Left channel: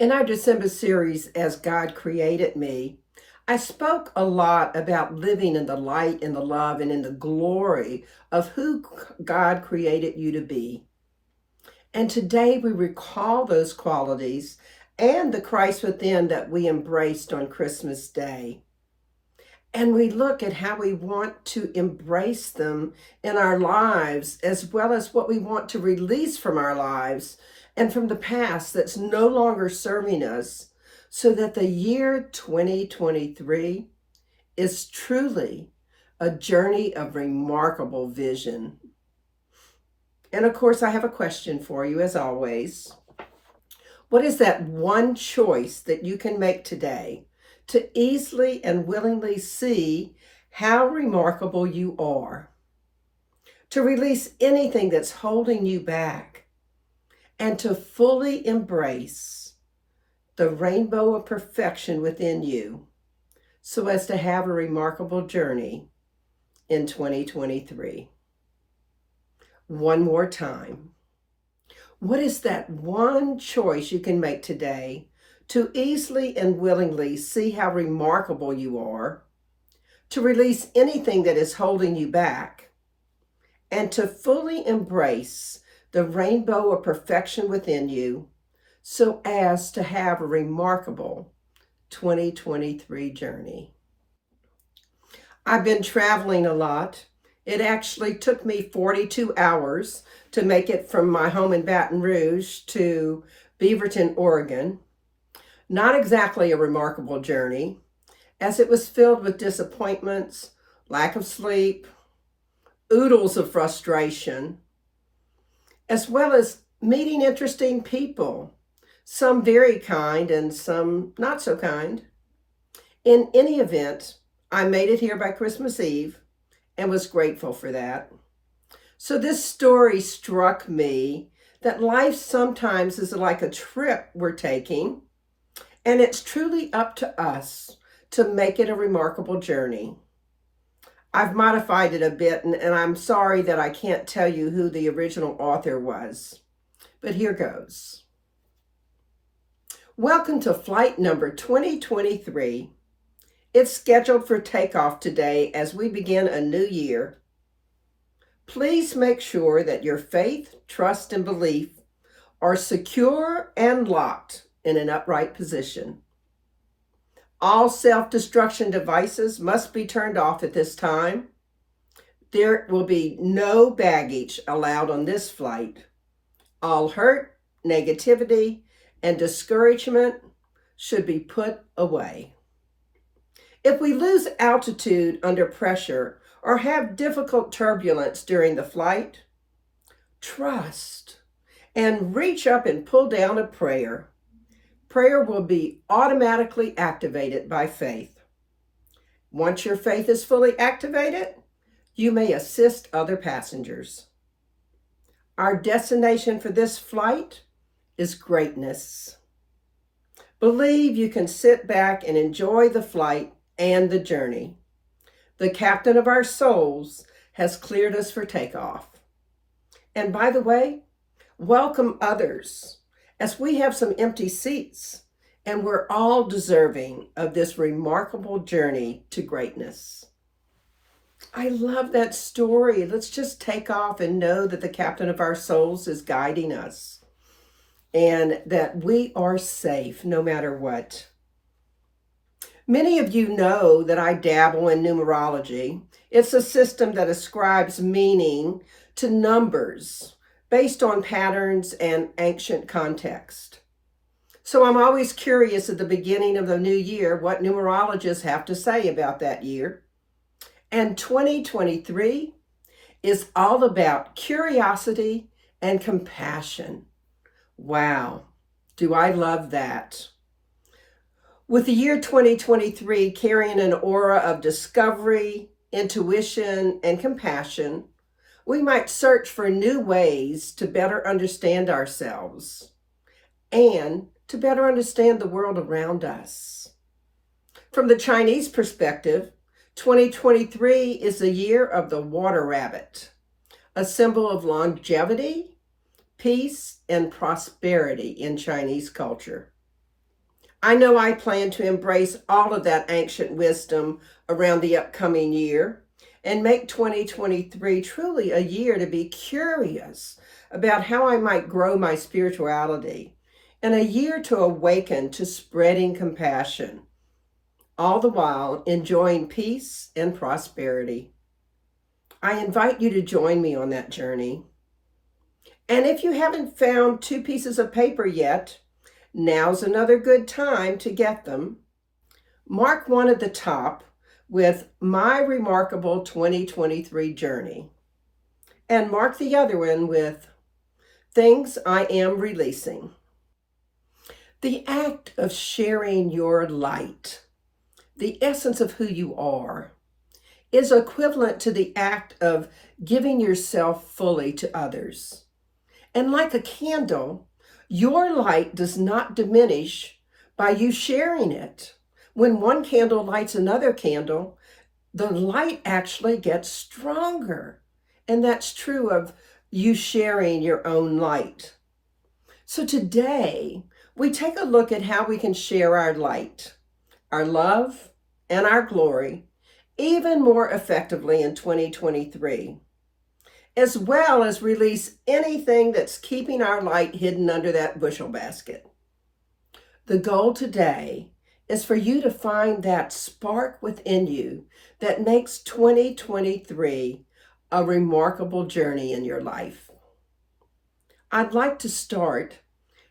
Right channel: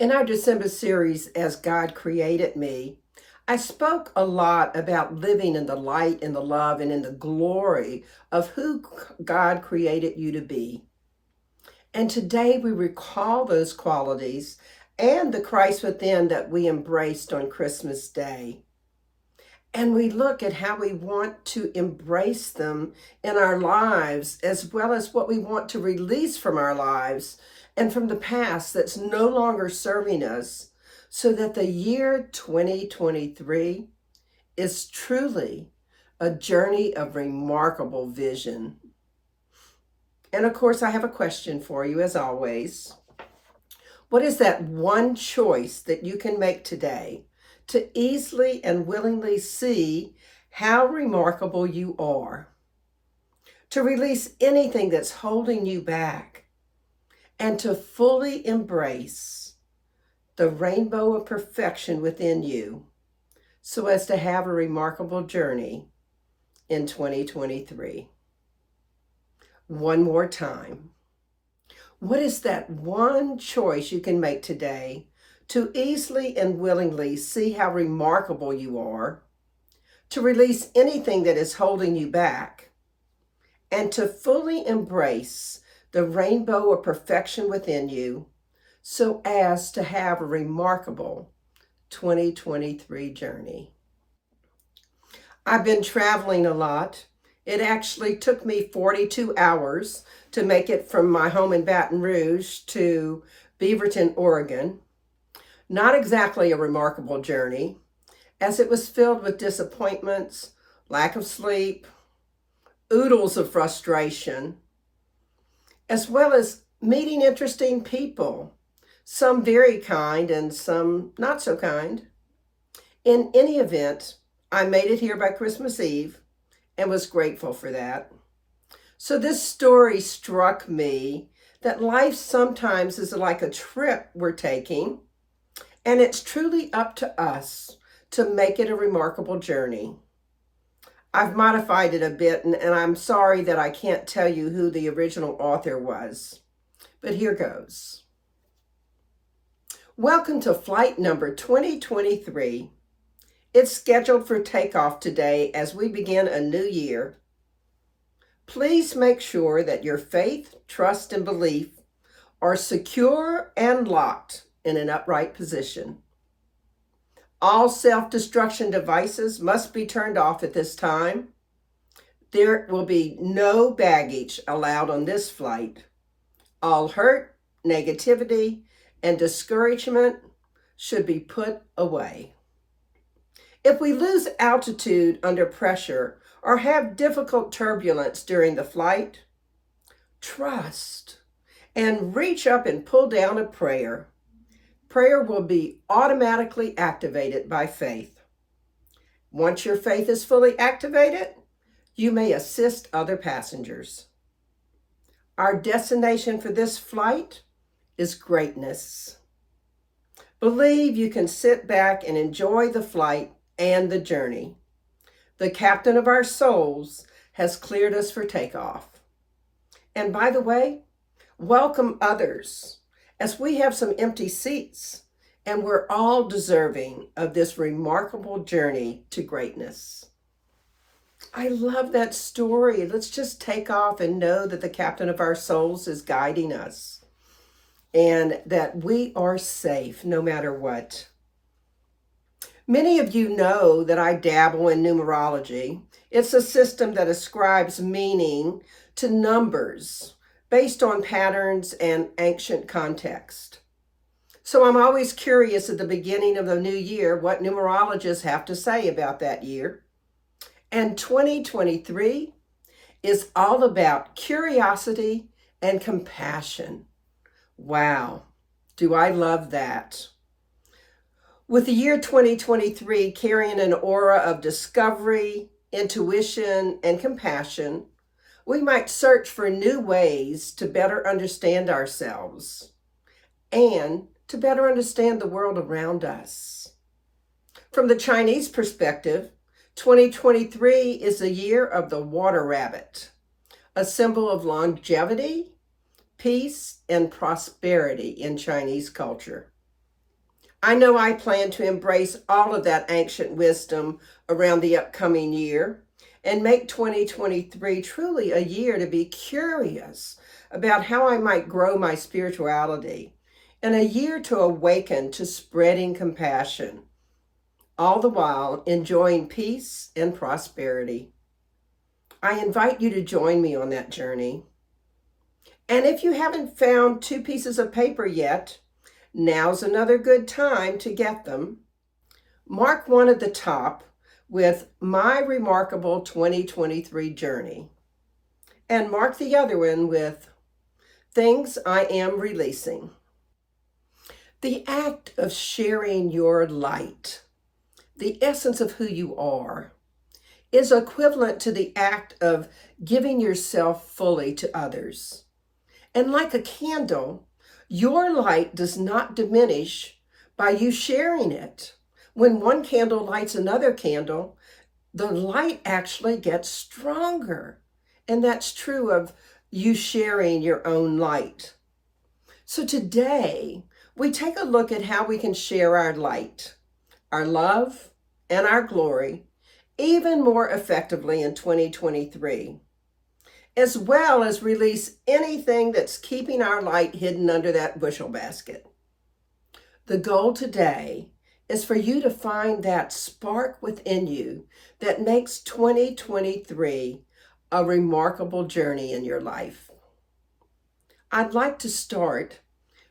In our December series, As God Created Me, I spoke a lot about living in the light and the love and in the glory of who God created you to be. And today we recall those qualities and the Christ within that we embraced on Christmas Day. And we look at how we want to embrace them in our lives, as well as what we want to release from our lives and from the past that's no longer serving us, so that the year 2023 is truly a journey of remarkable vision. And of course, I have a question for you, as always. What is that one choice that you can make today to easily and willingly see how remarkable you are, to release anything that's holding you back, and to fully embrace the rainbow of perfection within you, so as to have a remarkable journey in 2023? One more time. What is that one choice you can make today to easily and willingly see how remarkable you are, to release anything that is holding you back, and to fully embrace the rainbow of perfection within you, so as to have a remarkable 2023 journey? I've been traveling a lot. It actually took me 42 hours to make it from my home in Baton Rouge to Beaverton, Oregon. Not exactly a remarkable journey, as it was filled with disappointments, lack of sleep, oodles of frustration, as well as meeting interesting people, some very kind and some not so kind. In any event, I made it here by Christmas Eve and was grateful for that. So this story struck me that life sometimes is like a trip we're taking, and it's truly up to us to make it a remarkable journey. I've modified it a bit, and I'm sorry that I can't tell you who the original author was, but here goes. Welcome to flight number 2023. It's scheduled for takeoff today as we begin a new year. Please make sure that your faith, trust, and belief are secure and locked in an upright position. All self-destruction devices must be turned off at this time. There will be no baggage allowed on this flight. All hurt, negativity, and discouragement should be put away. If we lose altitude under pressure or have difficult turbulence during the flight, trust and reach up and pull down a prayer. Prayer will be automatically activated by faith. Once your faith is fully activated, you may assist other passengers. Our destination for this flight is greatness. Believe you can sit back and enjoy the flight and the journey. The captain of our souls has cleared us for takeoff. And by the way, welcome others, as we have some empty seats, and we're all deserving of this remarkable journey to greatness. I love that story. Let's just take off and know that the captain of our souls is guiding us, and that we are safe no matter what. Many of you know that I dabble in numerology. It's a system that ascribes meaning to numbers based on patterns and ancient context. So I'm always curious at the beginning of the new year what numerologists have to say about that year. And 2023 is all about curiosity and compassion. Wow, do I love that. With the year 2023 carrying an aura of discovery, intuition, and compassion, we might search for new ways to better understand ourselves and to better understand the world around us. From the Chinese perspective, 2023 is the year of the water rabbit, a symbol of longevity, peace, and prosperity in Chinese culture. I know I plan to embrace all of that ancient wisdom around the upcoming year and make 2023 truly a year to be curious about how I might grow my spirituality, and a year to awaken to spreading compassion, all the while enjoying peace and prosperity. I invite you to join me on that journey. And if you haven't found two pieces of paper yet, now's another good time to get them. Mark one at the top with My Remarkable 2023 Journey, and mark the other one with Things I Am Releasing. The act of sharing your light, the essence of who you are, is equivalent to the act of giving yourself fully to others. And like a candle, your light does not diminish by you sharing it. When one candle lights another candle, the light actually gets stronger. And that's true of you sharing your own light. So today, we take a look at how we can share our light, our love, and our glory even more effectively in 2023, as well as release anything that's keeping our light hidden under that bushel basket. The goal today is for you to find that spark within you that makes 2023 a remarkable journey in your life. I'd like to start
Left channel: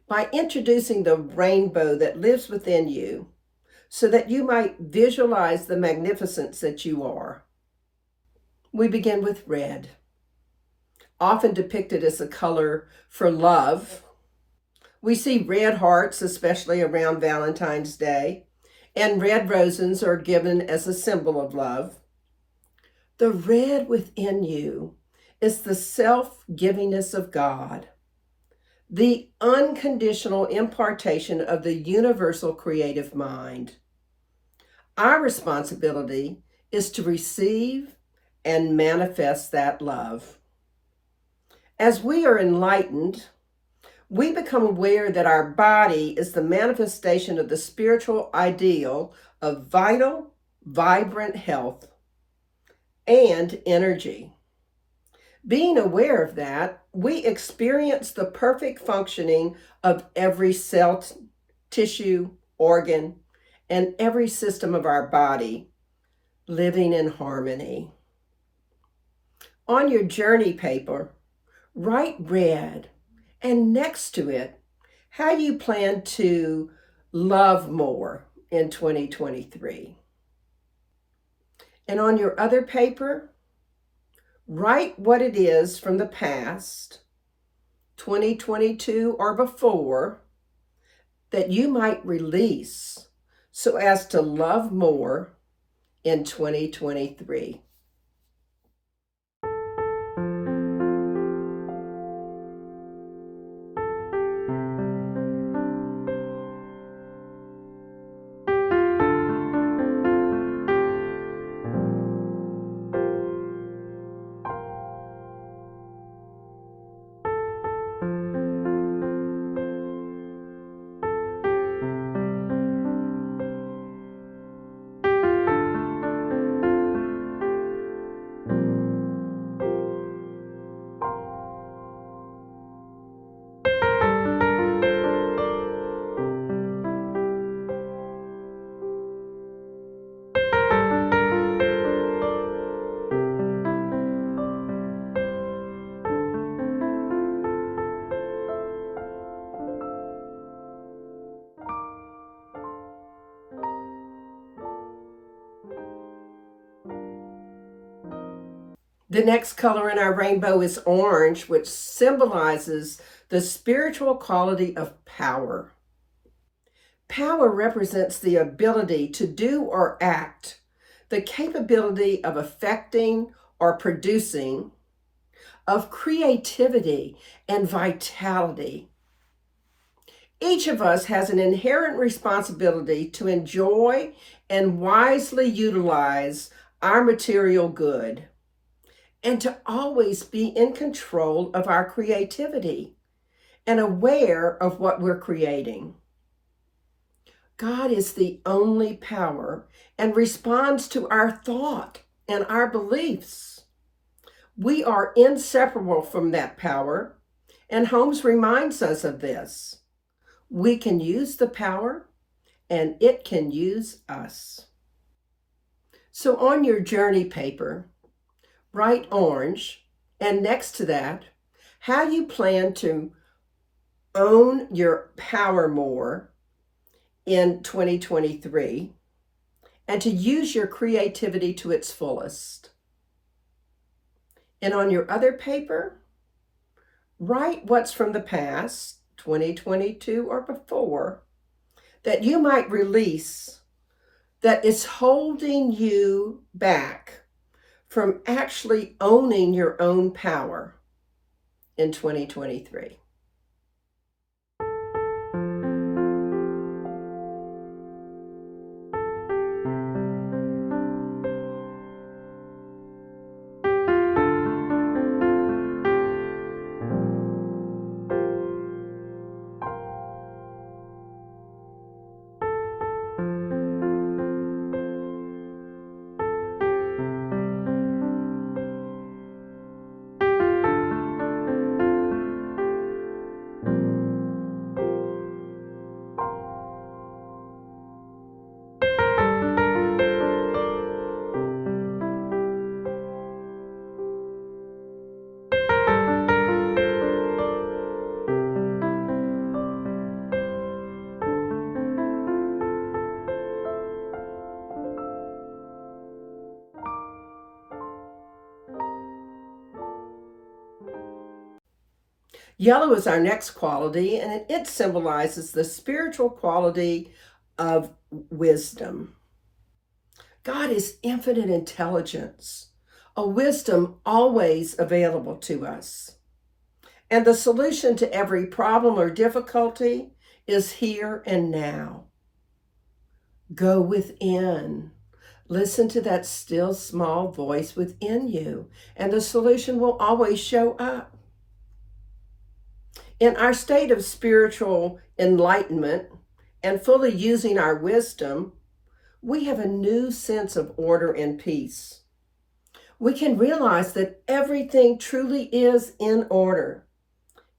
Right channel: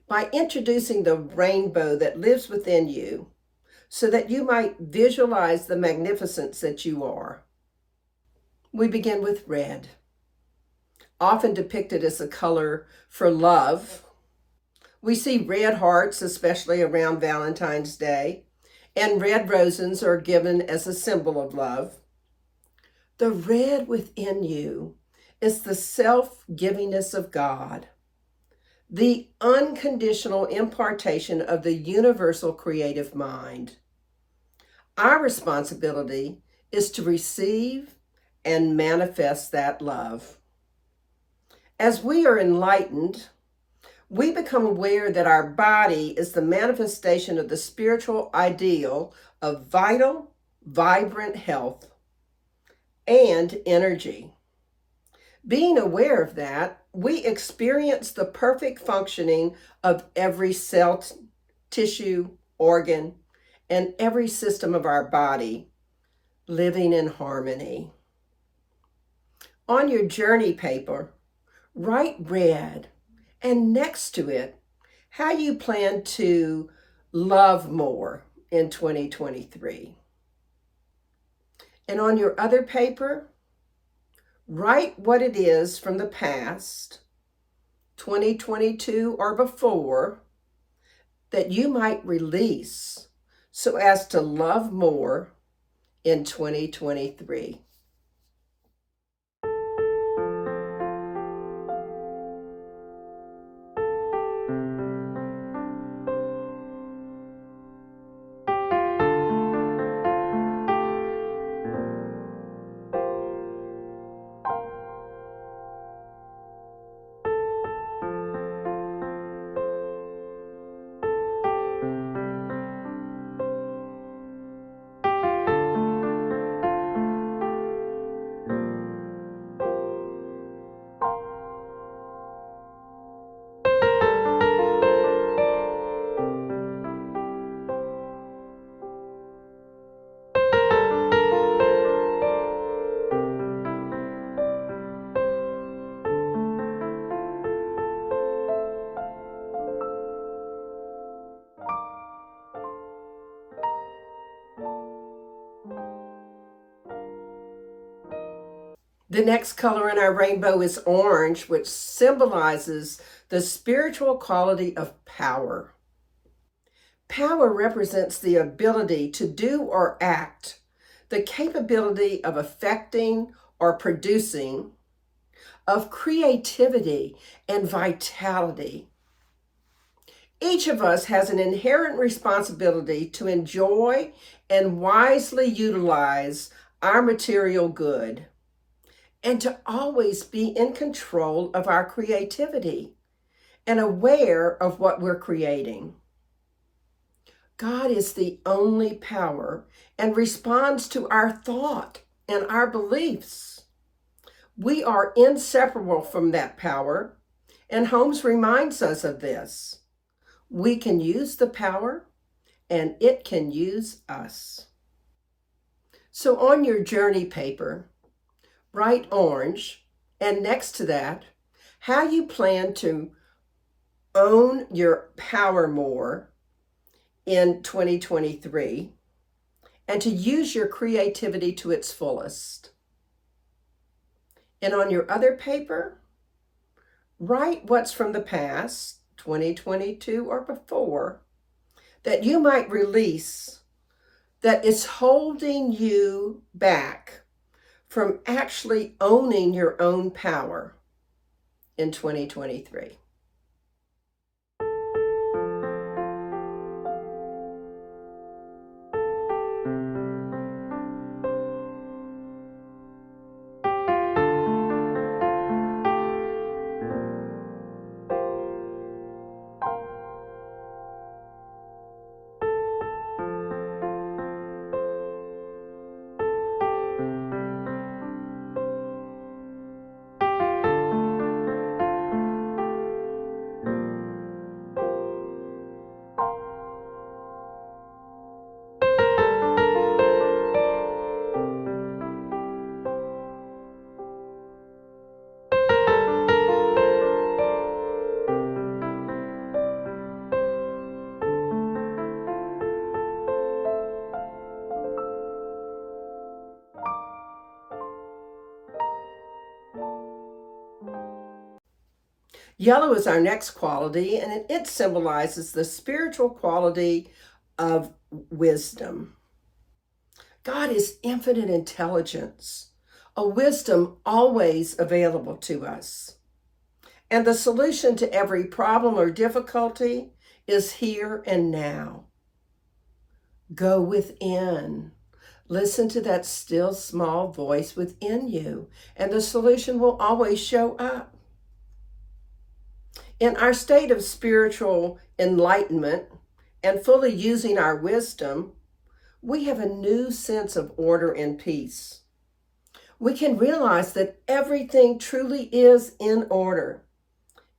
by introducing the rainbow that lives within you so that you might visualize the magnificence that you are. We begin with red, often depicted as the color for love. We see red hearts, especially around Valentine's Day, and red roses are given as a symbol of love. The red within you is the self-givingness of God, the unconditional impartation of the universal creative mind. Our responsibility is to receive and manifest that love. As we are enlightened, we become aware that our body is the manifestation of the spiritual ideal of vital, vibrant health and energy. Being aware of that, we experience the perfect functioning of every cell, tissue, organ, and every system of our body living in harmony. On your journey paper, write red, and next to it, how you plan to love more in 2023. And on your other paper, write what it is from the past, 2022 or before, that you might release so as to love more in 2023. The next color in our rainbow is orange, which symbolizes the spiritual quality of power. Power represents the ability to do or act, the capability of affecting or producing, of creativity and vitality. Each of us has an inherent responsibility to enjoy and wisely utilize our material good, and to always be in control of our creativity and aware of what we're creating. God is the only power and responds to our thought and our beliefs. We are inseparable from that power, and Holmes reminds us of this. We can use the power, and it can use us. So on your journey paper, write orange, and next to that, how you plan to own your power more in 2023 and to use your creativity to its fullest. And on your other paper, write what's from the past, 2022 or before, that you might release, that is holding you back from actually owning your own power in 2023. Yellow is our next quality, and it symbolizes the spiritual quality of wisdom. God is infinite intelligence, a wisdom always available to us. And the solution to every problem or difficulty is here and now. Go within. Listen to that still small voice within you, and the solution will always show up. In our state of spiritual enlightenment and fully using our wisdom, we have a new sense of order and peace. We can realize that everything truly is in order,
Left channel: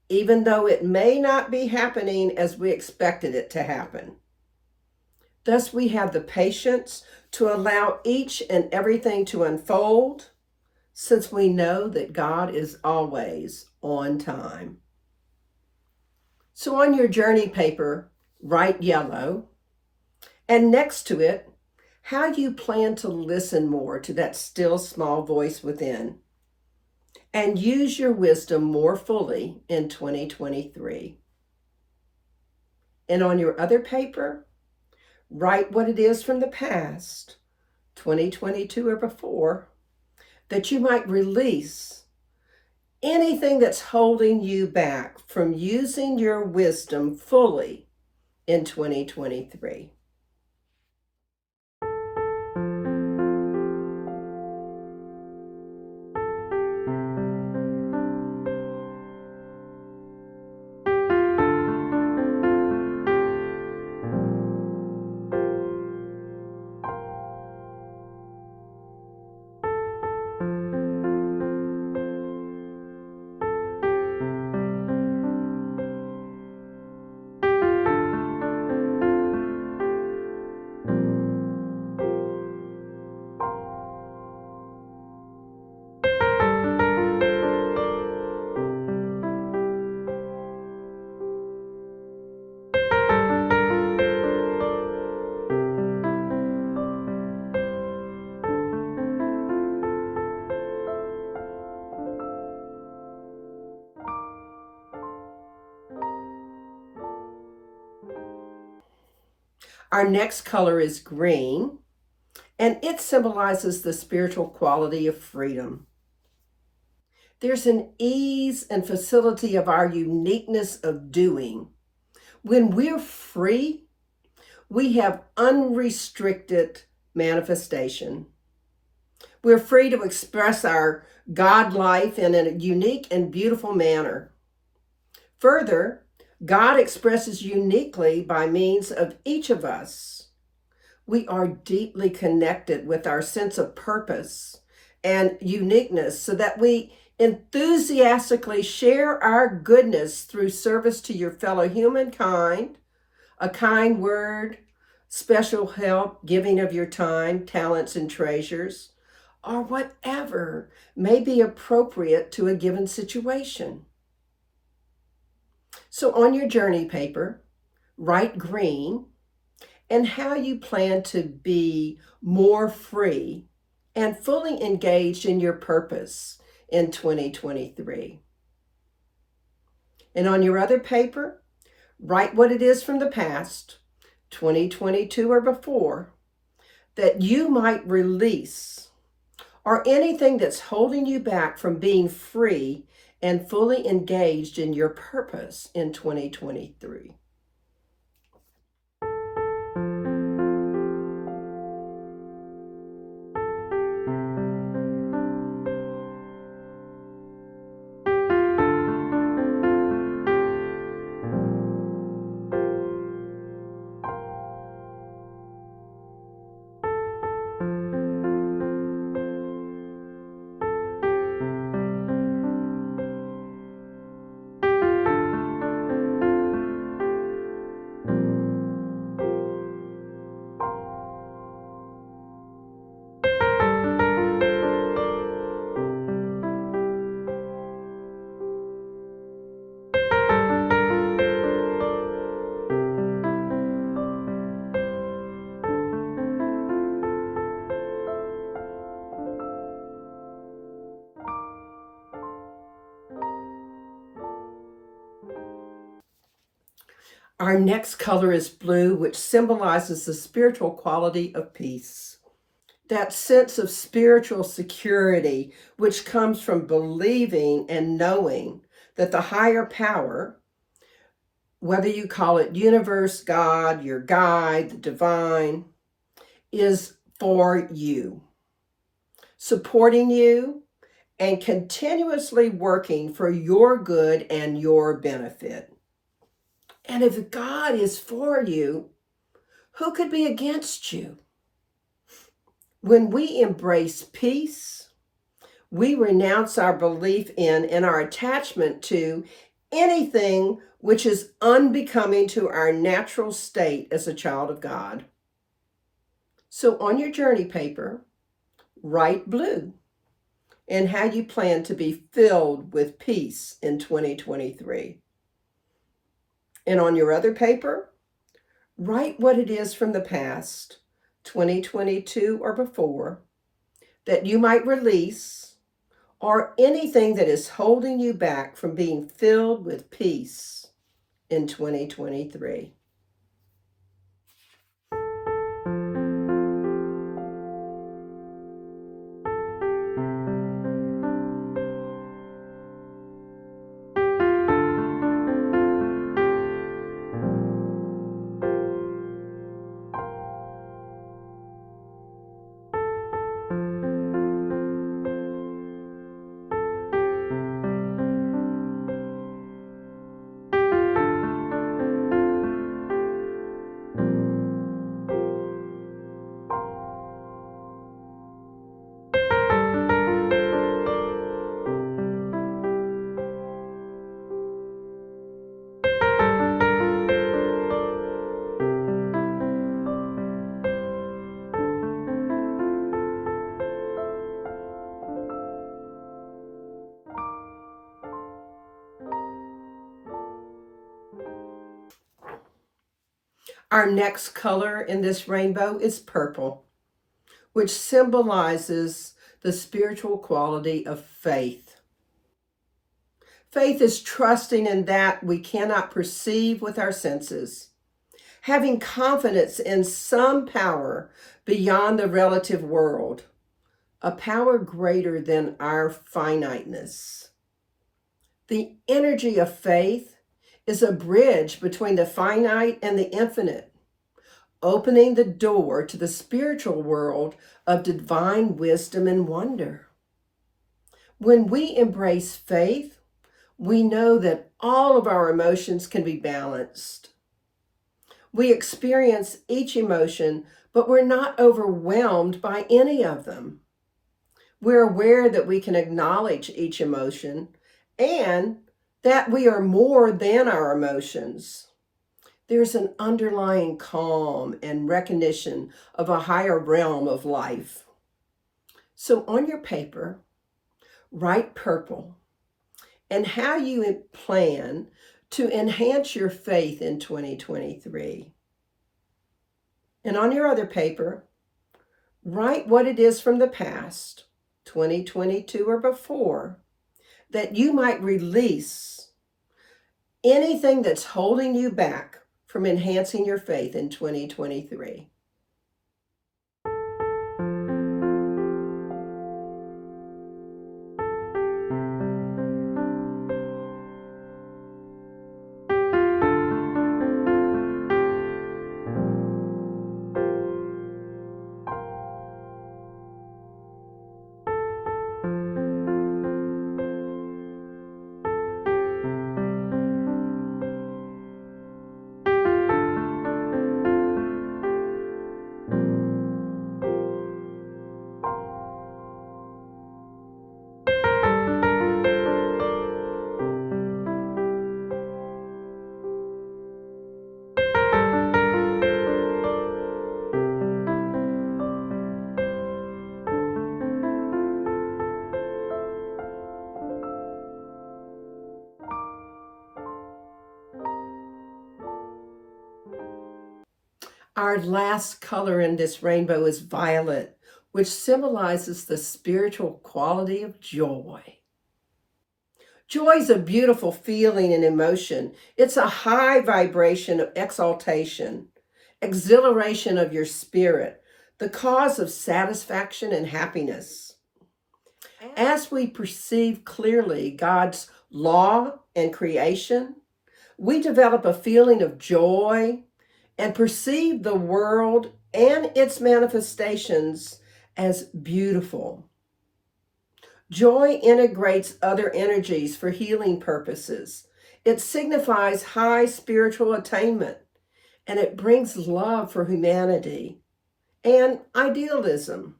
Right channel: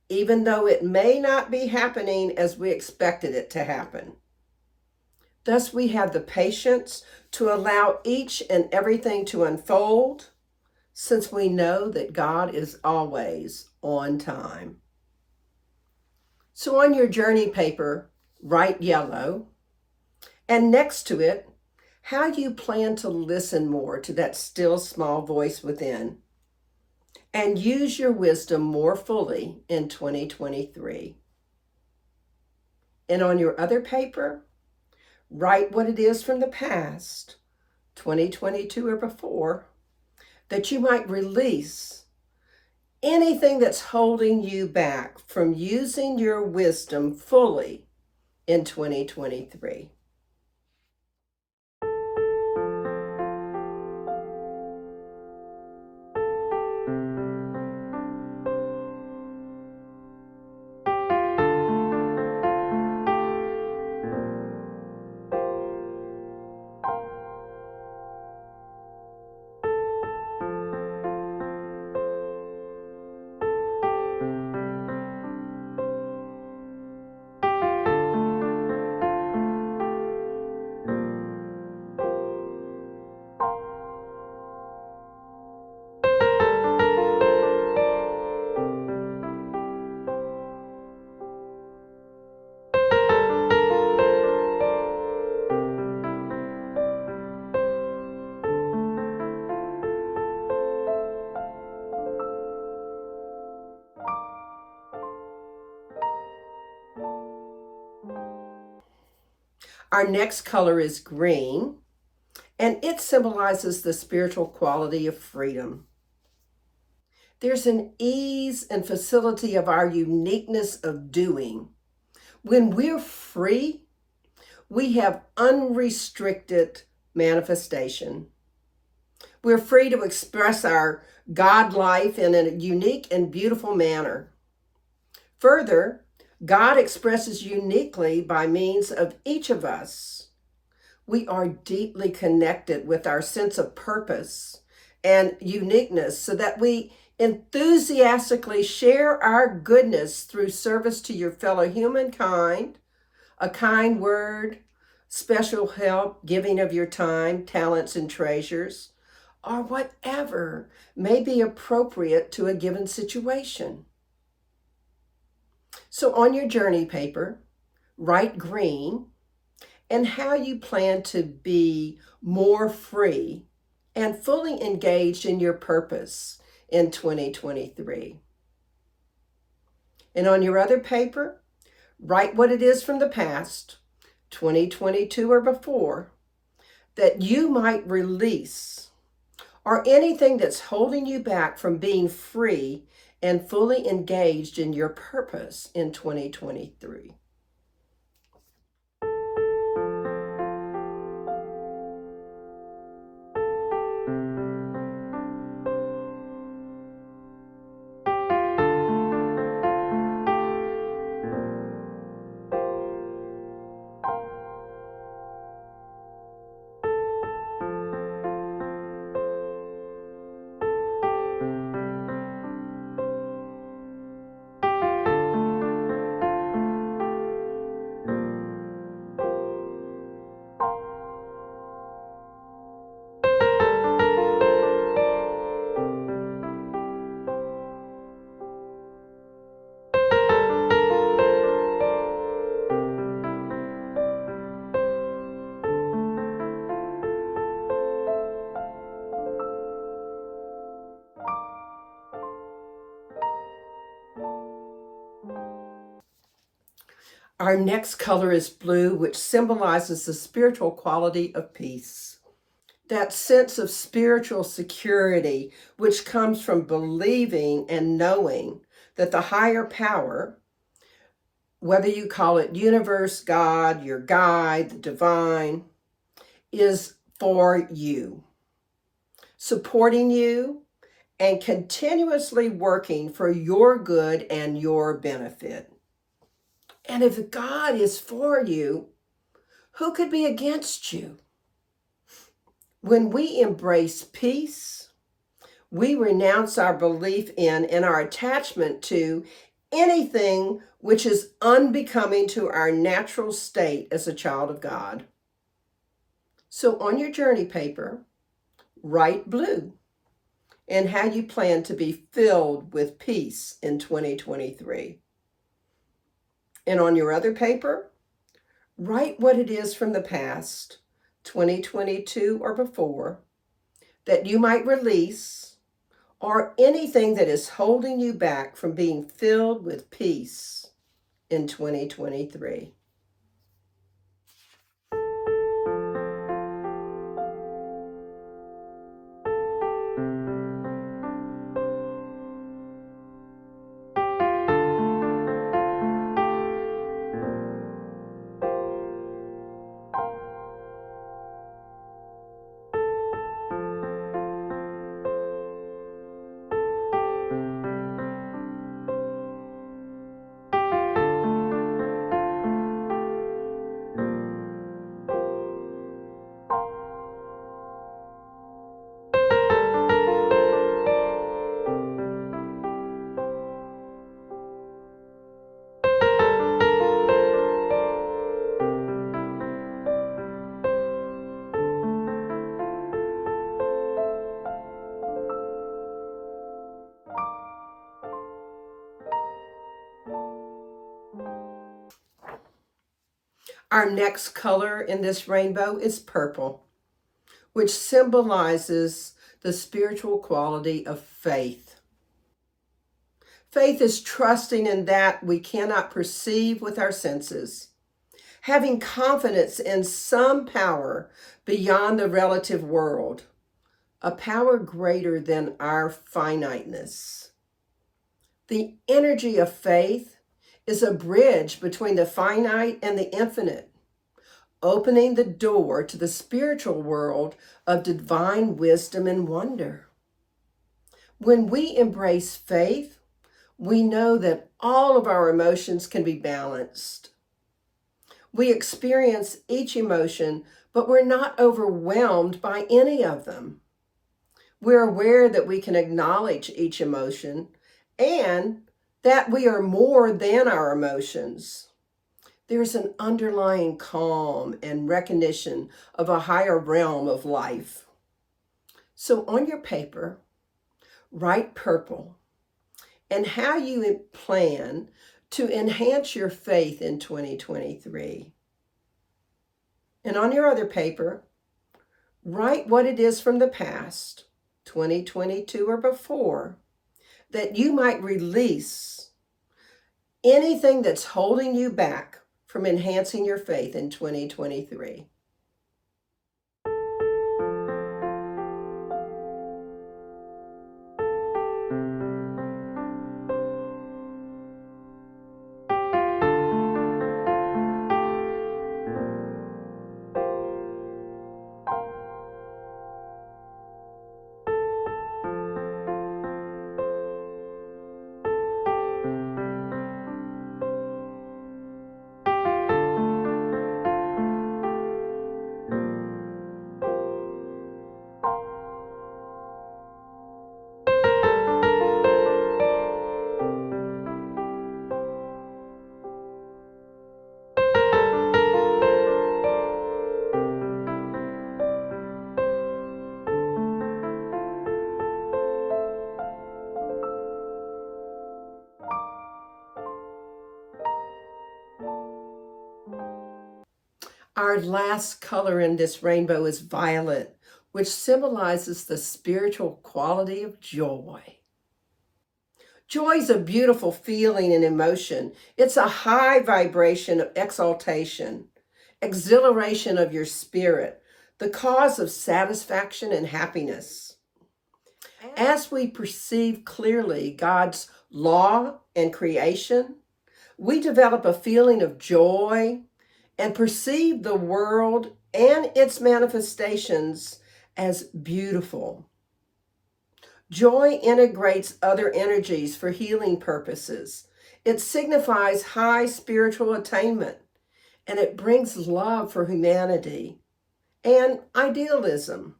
even though it may not be happening as we expected it to happen. Thus, we have the patience to allow each and everything to unfold, since we know that God is always on time. So on your journey paper, write yellow, and next to it, how you plan to listen more to that still small voice within and use your wisdom more fully in 2023. And on your other paper, write what it is from the past, 2022 or before, that you might release anything that's holding you back from using your wisdom fully in 2023. Our next color is green, and it symbolizes the spiritual quality of freedom. There's an ease and facility of our uniqueness of doing. When we're free, we have unrestricted manifestation. We're free to express our God life in a unique and beautiful manner. Further, God expresses uniquely by means of each of us. We are deeply connected with our sense of purpose and uniqueness so that we enthusiastically share our goodness through service to your fellow humankind, a kind word, special help, giving of your time, talents, and treasures, or whatever may be appropriate to a given situation. So on your journey paper, write green and how you plan to be more free and fully engaged in your purpose in 2023. And on your other paper, write what it is from the past, 2022 or before, that you might release, or anything that's holding you back from being free and fully engaged in your purpose in 2023. Our next color is blue, which symbolizes the spiritual quality of peace. That sense of spiritual security, which comes from believing and knowing that the higher power, whether you call it universe, God, your guide, the divine, is for you, supporting you and continuously working for your good and your benefit. And if God is for you, who could be against you? When we embrace peace, we renounce our belief in and our attachment to anything which is unbecoming to our natural state as a child of God. So on your journey paper, write blue and how you plan to be filled with peace in 2023. And on your other paper, write what it is from the past, 2022 or before, that you might release, or anything that is holding you back from being filled with peace in 2023. Our next color in this rainbow is purple, which symbolizes the spiritual quality of faith. Faith is trusting in that we cannot perceive with our senses, having confidence in some power beyond the relative world, a power greater than our finiteness. The energy of faith is a bridge between the finite and the infinite, opening the door to the spiritual world of divine wisdom and wonder. When we embrace faith, We know that all of our emotions can be balanced. We experience each emotion, but we're not overwhelmed by any of them. We're aware that we can acknowledge each emotion and that we are more than our emotions. There's an underlying calm and recognition of a higher realm of life. So on your paper, write purple and how you plan to enhance your faith in 2023. And on your other paper, write what it is from the past, 2022 or before, that you might release anything that's holding you back from enhancing your faith in 2023. Our last color in this rainbow is violet, which symbolizes the spiritual quality of joy. Joy is a beautiful feeling and emotion. It's a high vibration of exaltation, exhilaration of your spirit, the cause of satisfaction and happiness. As we perceive clearly God's law and creation, we develop a feeling of joy and perceive the world and its manifestations as beautiful. Joy integrates other energies for healing purposes. It signifies high spiritual attainment, and it brings love for humanity and idealism.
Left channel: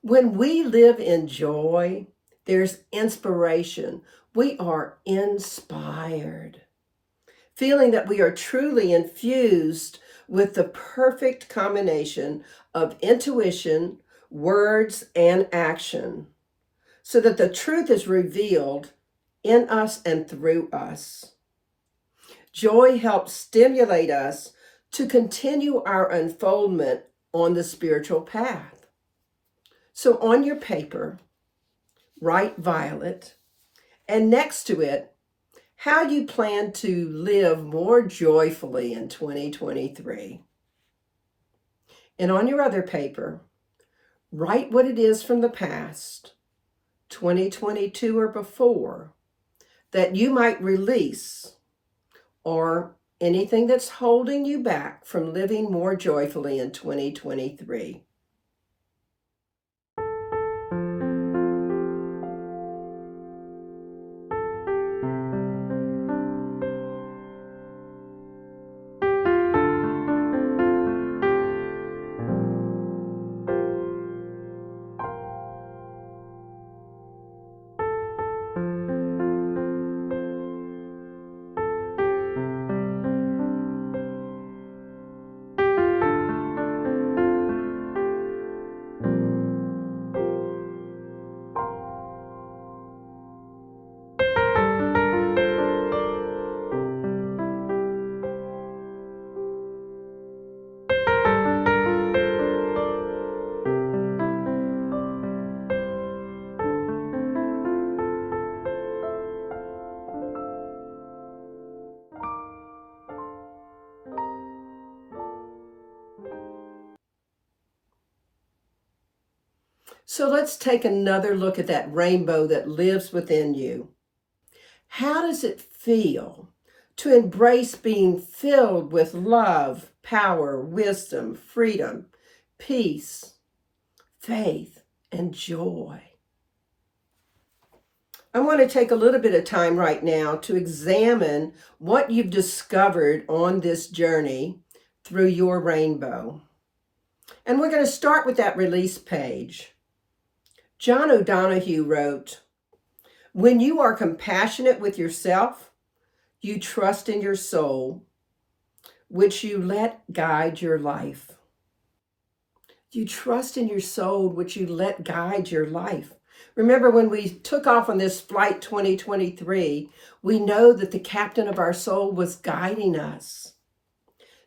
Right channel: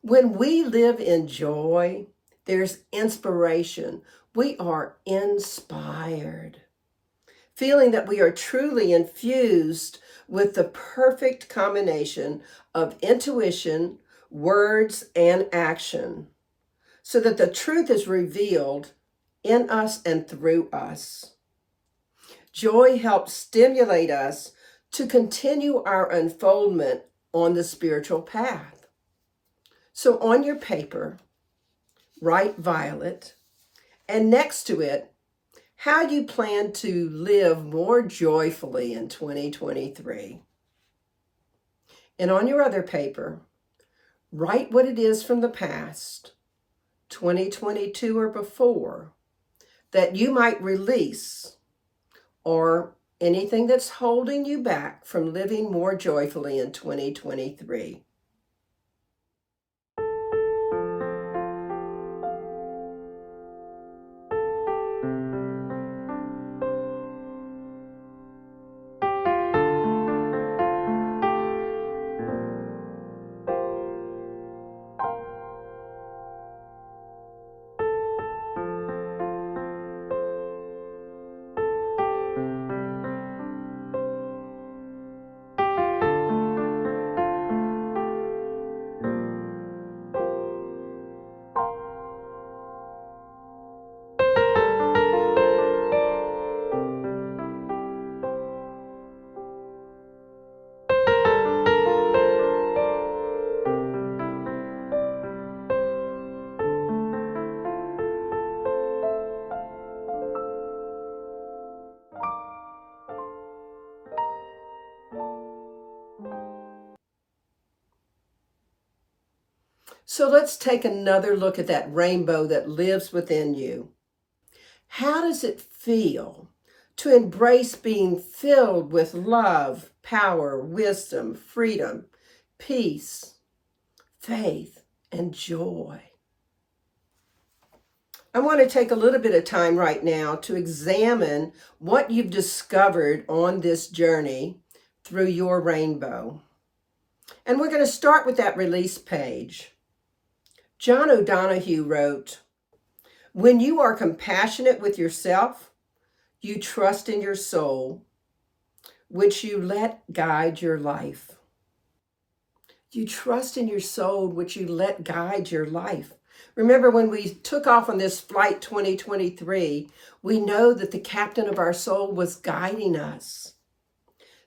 When we live in joy, there's inspiration. We are inspired, feeling that we are truly infused with the perfect combination of intuition, words, and action, so that the truth is revealed in us and through us. Joy helps stimulate us to continue our unfoldment on the spiritual path. So on your paper, write violet, and next to it, how you plan to live more joyfully in 2023. And on your other paper, write what it is from the past, 2022 or before, that you might release, or anything that's holding you back from living more joyfully in 2023. So let's take another look at that rainbow that lives within you. How does it feel to embrace being filled with love, power, wisdom, freedom, peace, faith, and joy? I want to take a little bit of time right now to examine what you've discovered on this journey through your rainbow. And we're going to start with that release page. John O'Donohue wrote, "When you are compassionate with yourself, you trust in your soul, which you let guide your life." You trust in your soul, which you let guide your life. Remember, when we took off on this flight 2023, we know that the captain of our soul was guiding us.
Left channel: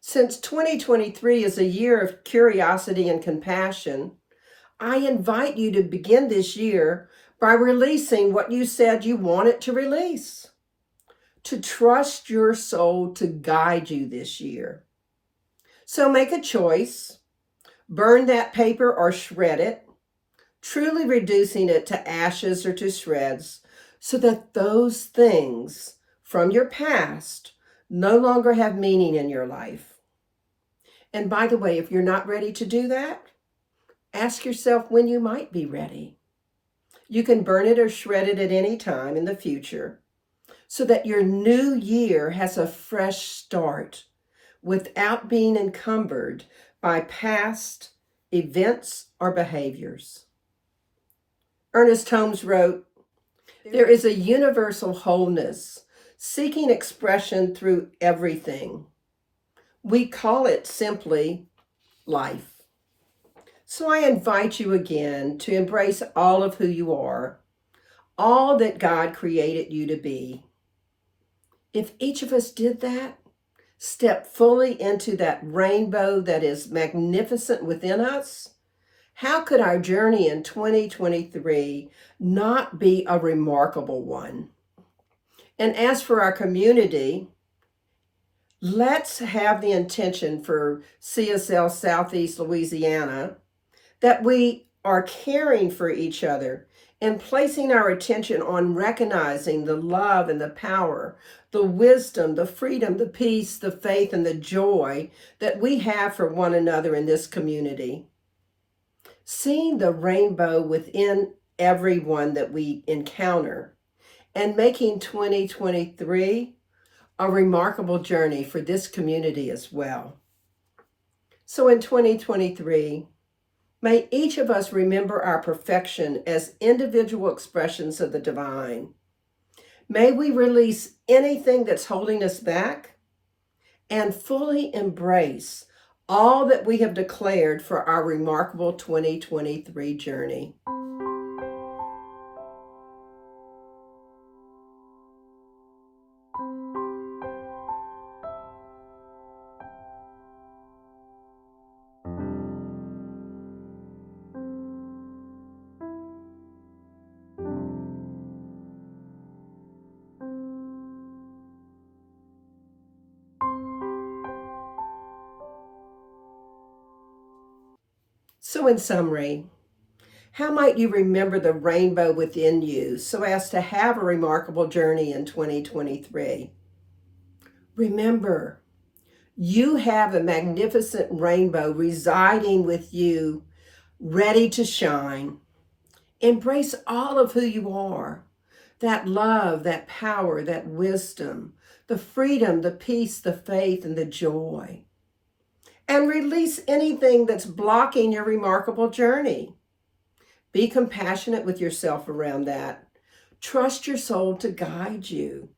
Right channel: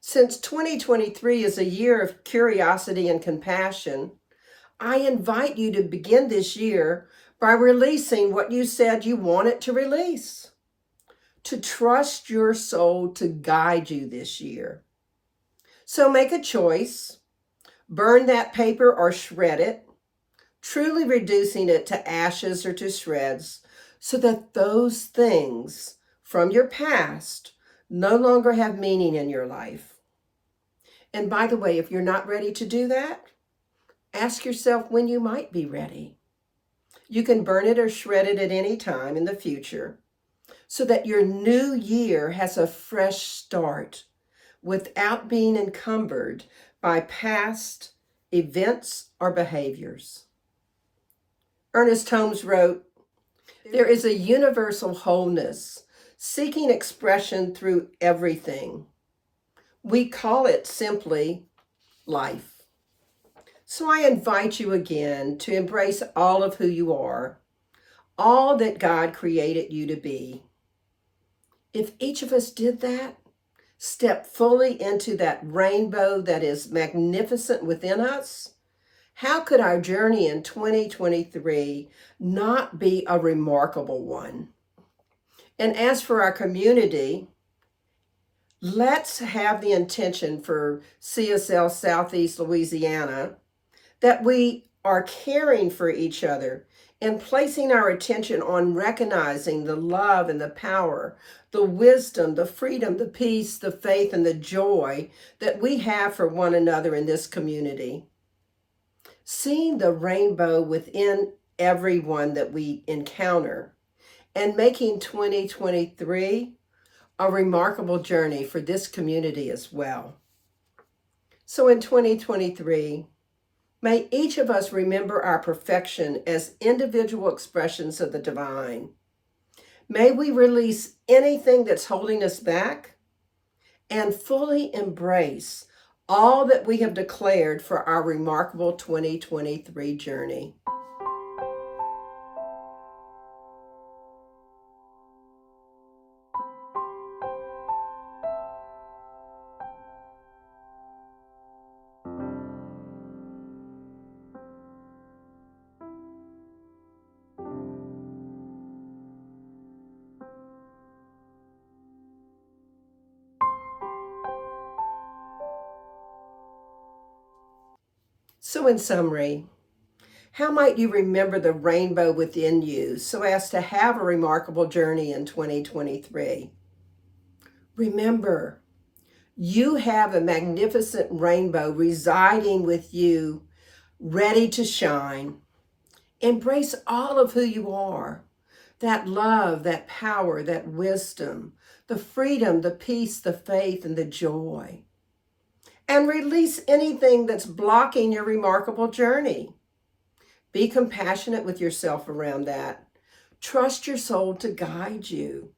Since 2023 is a year of curiosity and compassion, I invite you to begin this year by releasing what you said you wanted to release. To trust your soul to guide you this year. So make a choice. Burn that paper or shred it, truly reducing it to ashes or to shreds, so that those things from your past no longer have meaning in your life. And by the way, if you're not ready to do that, ask yourself when you might be ready. You can burn it or shred it at any time in the future, so that your new year has a fresh start without being encumbered by past events or behaviors. Ernest Holmes wrote, "There is a universal wholeness seeking expression through everything. We call it simply life." So I invite you again to embrace all of who you are, all that God created you to be. If each of us did that, step fully into that rainbow that is magnificent within us, how could our journey in 2023 not be a remarkable one? And as for our community, let's have the intention for CSL Southeast Louisiana that we are caring for each other and placing our attention on recognizing the love and the power, the wisdom, the freedom, the peace, the faith, and the joy that we have for one another in this community. Seeing the rainbow within everyone that we encounter and making 2023 a remarkable journey for this community as well. So in 2023, may each of us remember our perfection as individual expressions of the divine. May we release anything that's holding us back and fully embrace all that we have declared for our remarkable 2023 journey. So in summary, how might you remember the rainbow within you so as to have a remarkable journey in 2023? Remember, you have a magnificent rainbow residing with you, ready to shine. Embrace all of who you are. That love, that power, that wisdom, the freedom, the peace, the faith, and the joy. And release anything that's blocking your remarkable journey. Be compassionate with yourself around that. Trust your soul to guide you.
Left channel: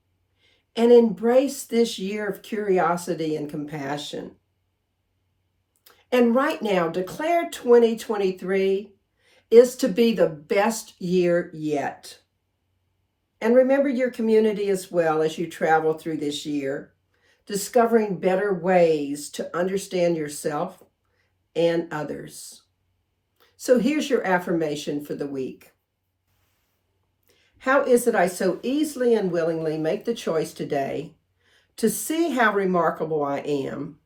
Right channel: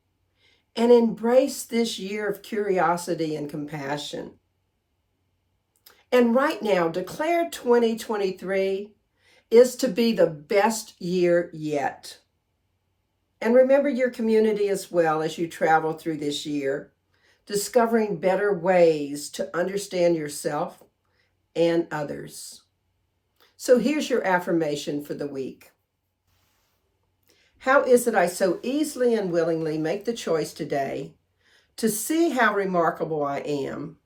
And embrace this year of curiosity and compassion. And right now, declare 2023 is to be the best year yet. And remember your community as well as you travel through this year, discovering better ways to understand yourself and others. So here's your affirmation for the week. How is it I so easily and willingly make the choice today to see how remarkable I am,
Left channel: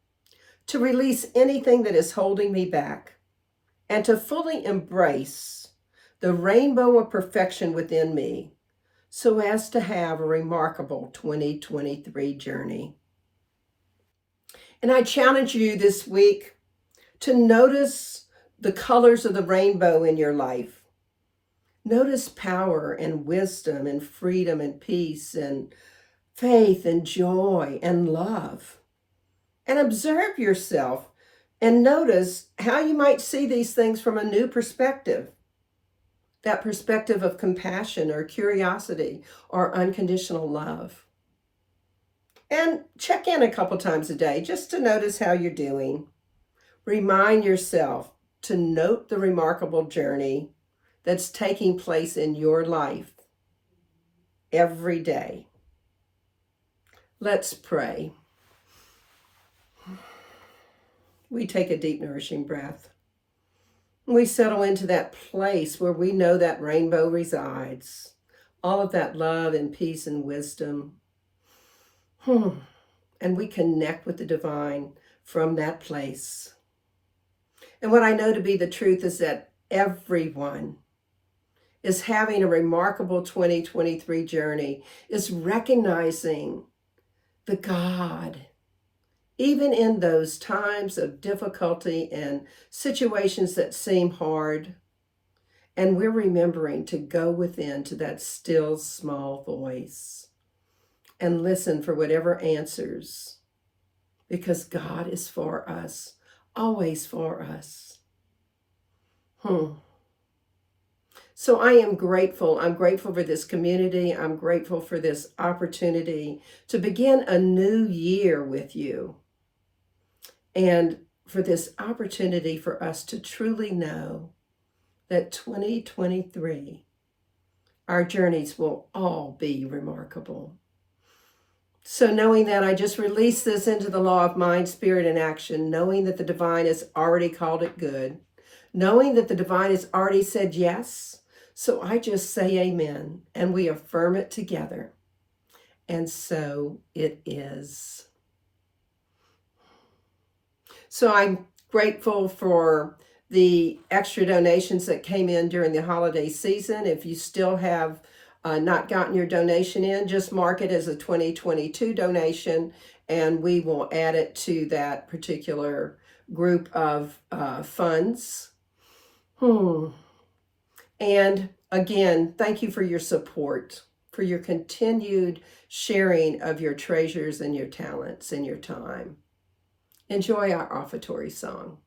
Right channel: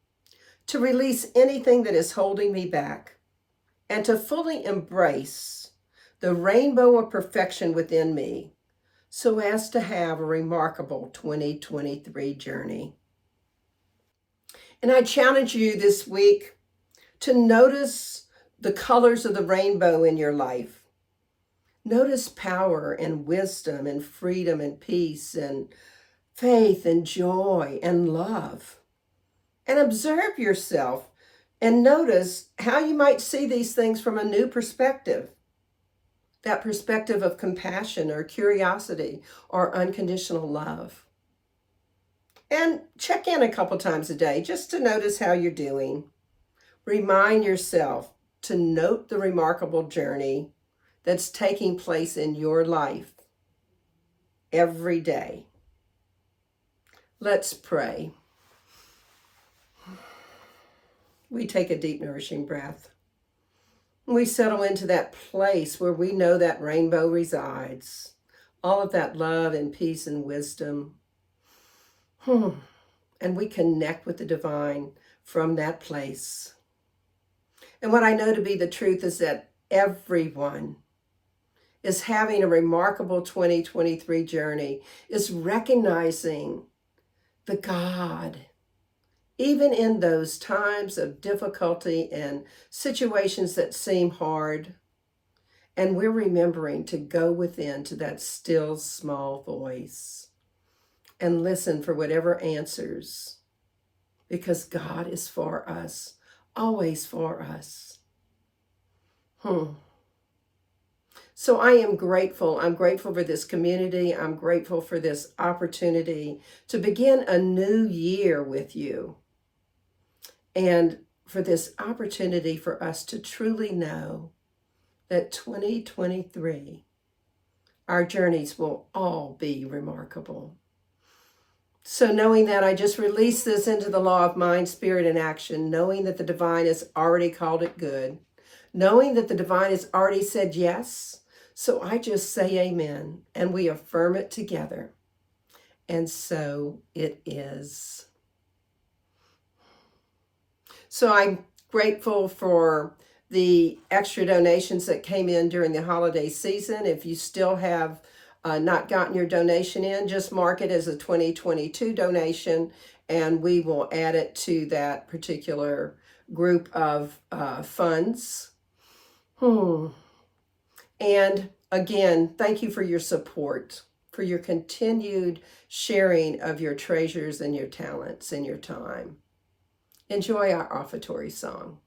to release anything that is holding me back, and to fully embrace the rainbow of perfection within me so as to have a remarkable 2023 journey. And I challenge you this week to notice the colors of the rainbow in your life. Notice power and wisdom and freedom and peace and faith and joy and love. And observe yourself and notice how you might see these things from a new perspective. That perspective of compassion or curiosity or unconditional love. And check in a couple times a day just to notice how you're doing. Remind yourself to note the remarkable journey that's taking place in your life every day. Let's pray. We take a deep, nourishing breath. We settle into that place where we know that rainbow resides. All of that love and peace and wisdom. And we connect with the divine from that place. And what I know to be the truth is that everyone is having a remarkable 2023 journey, is recognizing the God, even in those times of difficulty and situations that seem hard. And we're remembering to go within to that still small voice and listen for whatever answers, because God is for us, always for us. So I am grateful. I'm grateful for this community. I'm grateful for this opportunity to begin a new year with you. And for this opportunity for us to truly know that 2023, our journeys will all be remarkable. So knowing that, I just release this into the law of mind, spirit, and action, knowing that the divine has already called it good, knowing that the divine has already said yes. So I just say amen, and we affirm it together. And so it is. So I'm grateful for the extra donations that came in during the holiday season. If you still have not gotten your donation in, just mark it as a 2022 donation, and we will add it to that particular group of funds. And again, thank you for your support, for your continued sharing of your treasures and your talents and your time. Enjoy our offertory song.